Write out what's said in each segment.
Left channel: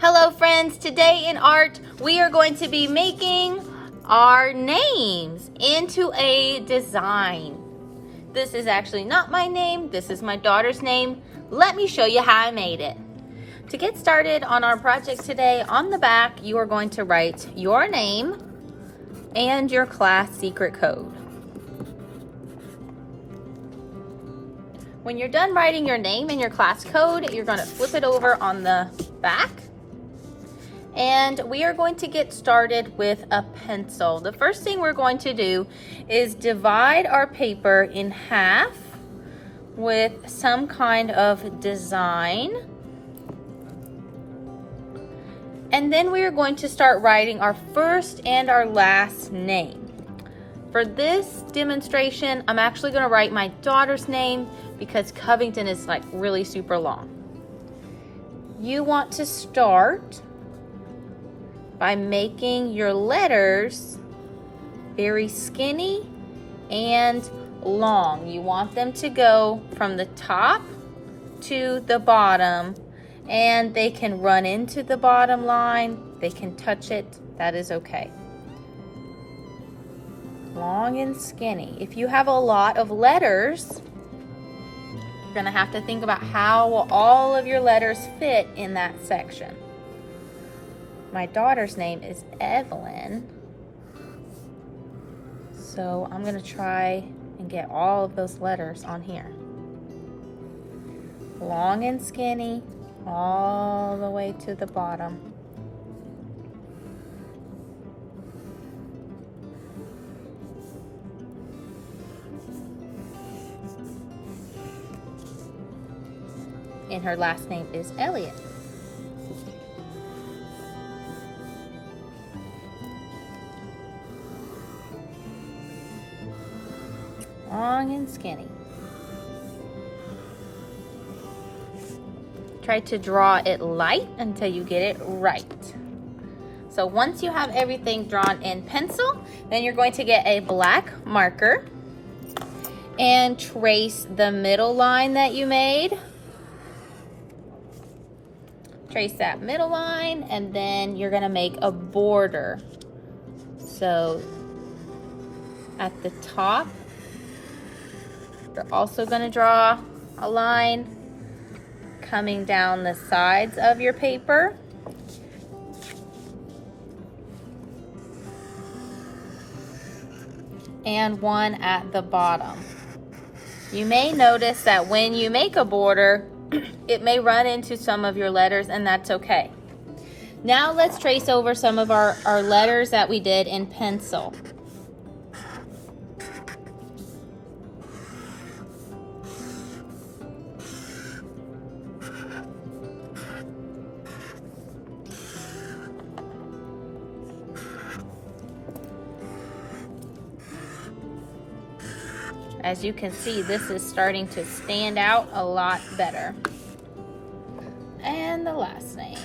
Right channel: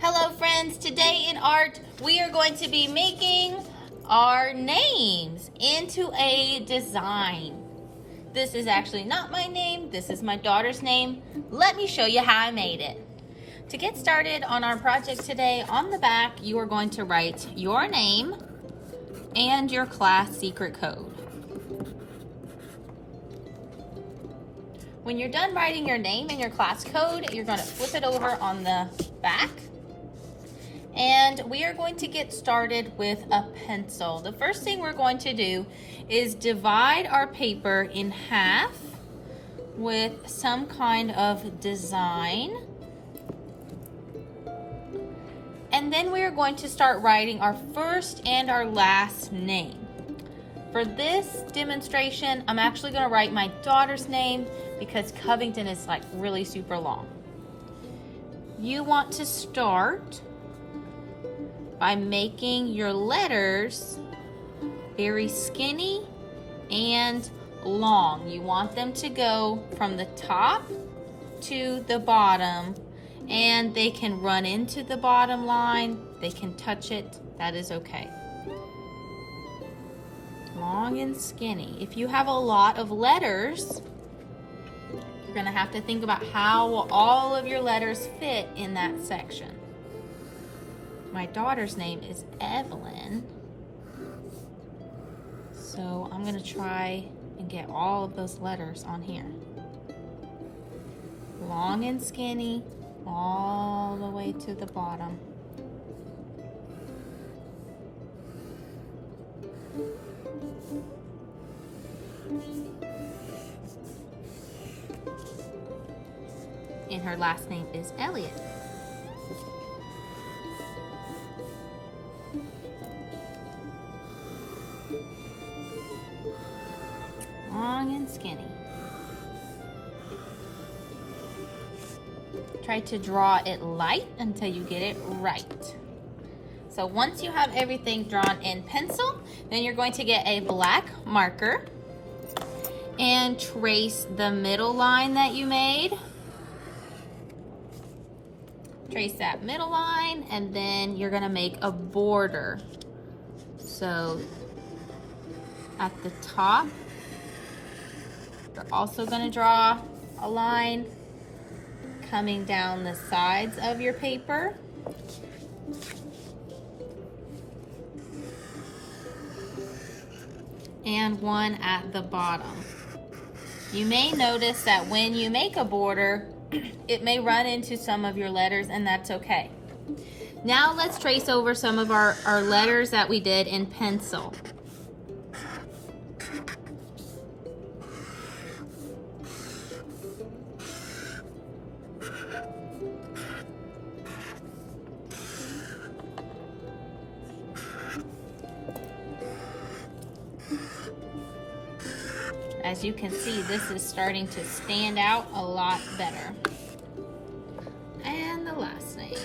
Hello friends, today in art we are going to be making our names into a design. This is actually not my name, this is my daughter's name. Let me show you how I made it. To get started on our project today, on the back you are going to write your name and your class secret code. When you're done writing your name and your class code, you're going to flip it over on the back. And we are going to get started with a pencil. The first thing we're going to do is divide our paper in half with some kind of design. And then we are going to start writing our first and our last name. For this demonstration, I'm actually going to write my daughter's name because Covington is like really super long. You want to start by making your letters very skinny and long. You want them to go from the top to the bottom, and they can run into the bottom line, they can touch it, that is okay. Long and skinny. If you have a lot of letters, you're gonna have to think about how will all of your letters fit in that section. My daughter's name is Evelyn, so I'm gonna try and get all of those letters on here. Long and skinny, all the way to the bottom. And her last name is Elliott. Long and skinny. Try to draw it light until you get it right. So once you have everything drawn in pencil, then you're going to get a black marker and trace the middle line that you made. Trace that middle line, and then you're gonna make a border. So at the top, you're also gonna draw a line coming down the sides of your paper. And one at the bottom. You may notice that when you make a border, it may run into some of your letters, and that's okay. Now let's trace over some of our letters that we did in pencil. As you can see, this is starting to stand out a lot better. And the last name.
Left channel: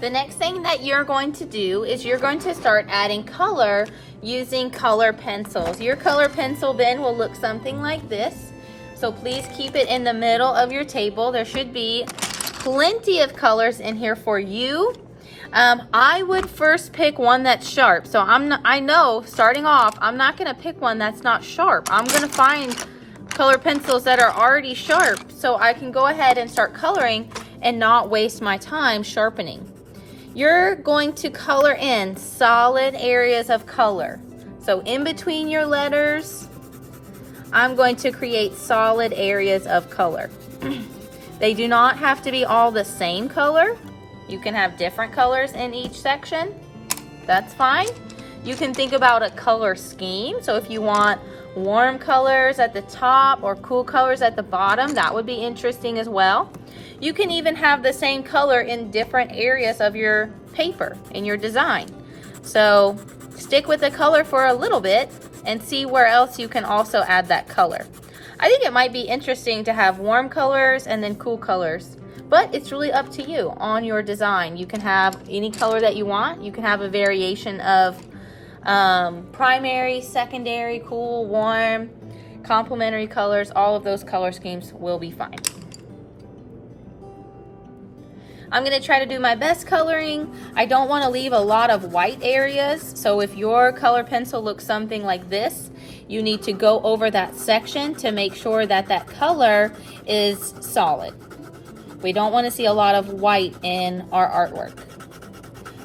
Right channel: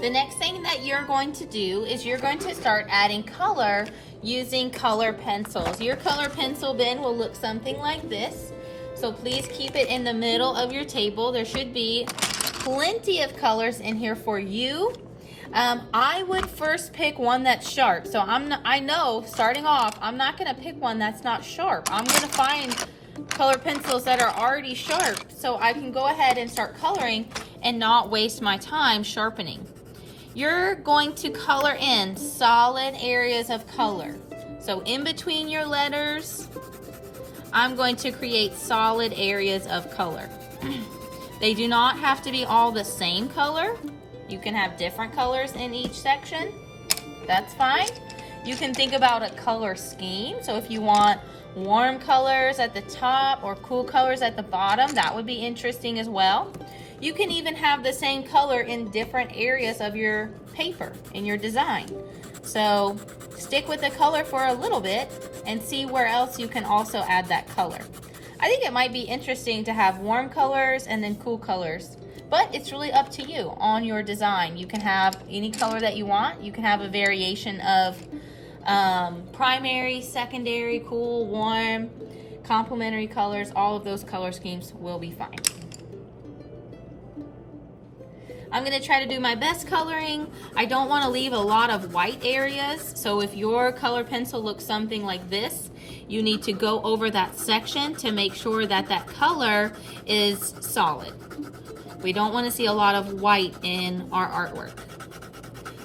The next thing that you're going to do is you're going to start adding color using color pencils. Your color pencil bin will look something like this. So please keep it in the middle of your table. There should be plenty of colors in here for you. I would first pick one that's sharp. So I know starting off, I'm not gonna pick one that's not sharp. I'm gonna find color pencils that are already sharp so I can go ahead and start coloring and not waste my time sharpening. You're going to color in solid areas of color. So in between your letters, I'm going to create solid areas of color. They do not have to be all the same color. You can have different colors in each section. That's fine. You can think about a color scheme. So if you want warm colors at the top or cool colors at the bottom, that would be interesting as well. You can even have the same color in different areas of your paper, in your design. So stick with the color for a little bit and see where else you can also add that color. I think it might be interesting to have warm colors and then cool colors. but it's really up to you on your design. You can have any color that you want. You can have a variation of primary, secondary, cool, warm, complementary colors. All of those color schemes will be fine. I'm going to try to do my best coloring. I don't want to leave a lot of white areas, so if your color pencil looks something like this, you need to go over that section to make sure that that color is solid. We don't want to see a lot of white in our artwork.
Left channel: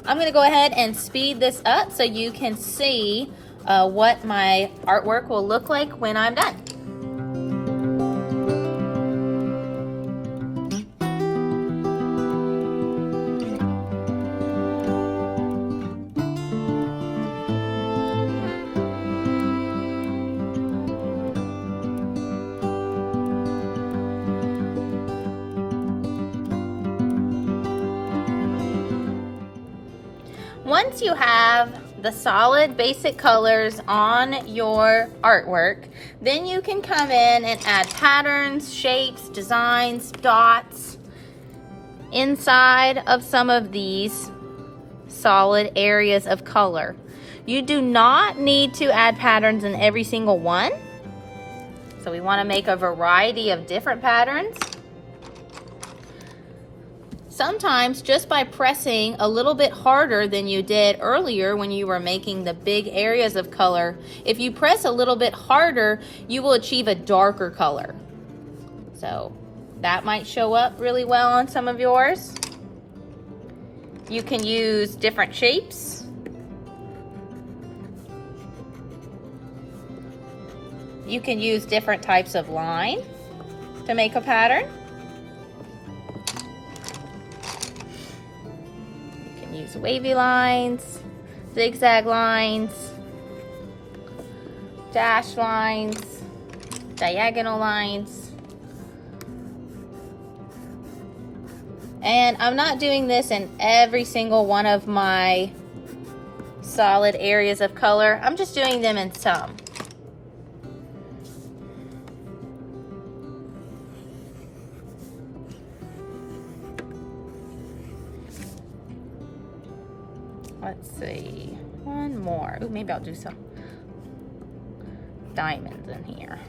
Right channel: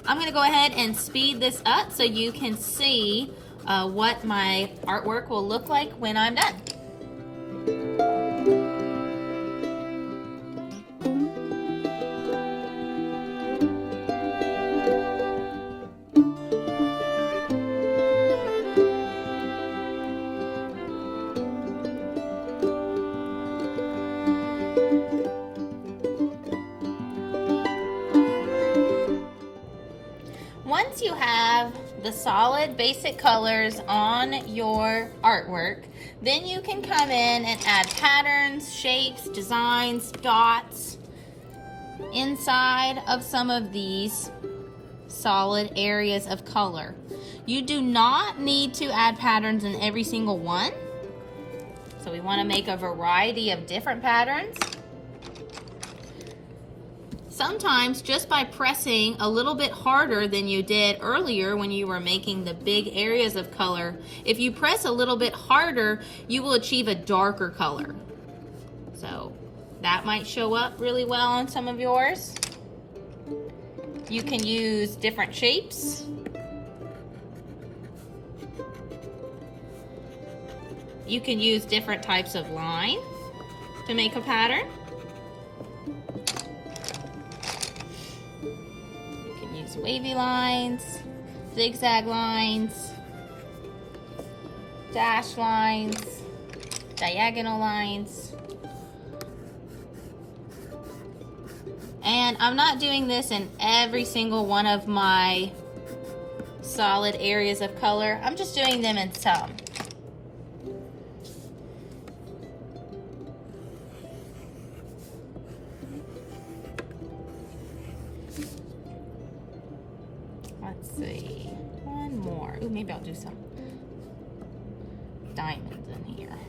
I'm going to go ahead and speed this up so you can see what my artwork will look like when I'm done. Once you have the solid basic colors on your artwork, then you can come in and add patterns, shapes, designs, dots inside of some of these solid areas of color. You do not need to add patterns in every single one. So we want to make a variety of different patterns. Sometimes just by pressing a little bit harder than you did earlier when you were making the big areas of color, if you press a little bit harder, you will achieve a darker color. So that might show up really well on some of yours. You can use different shapes. You can use different types of line to make a pattern. Wavy lines, zigzag lines, dash lines, diagonal lines. And I'm not doing this in every single one of my solid areas of color. I'm just doing them in some. Let's see, one more. Ooh, maybe I'll do some diamonds in here.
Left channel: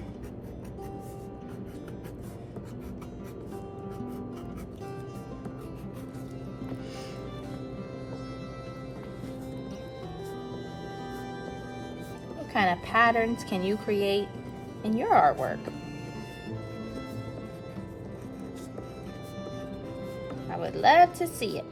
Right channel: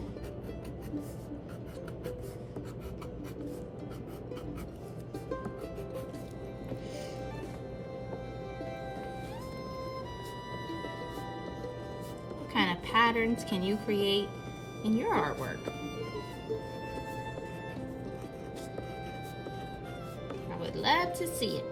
What kind of patterns can you create in your artwork? I would love to see it.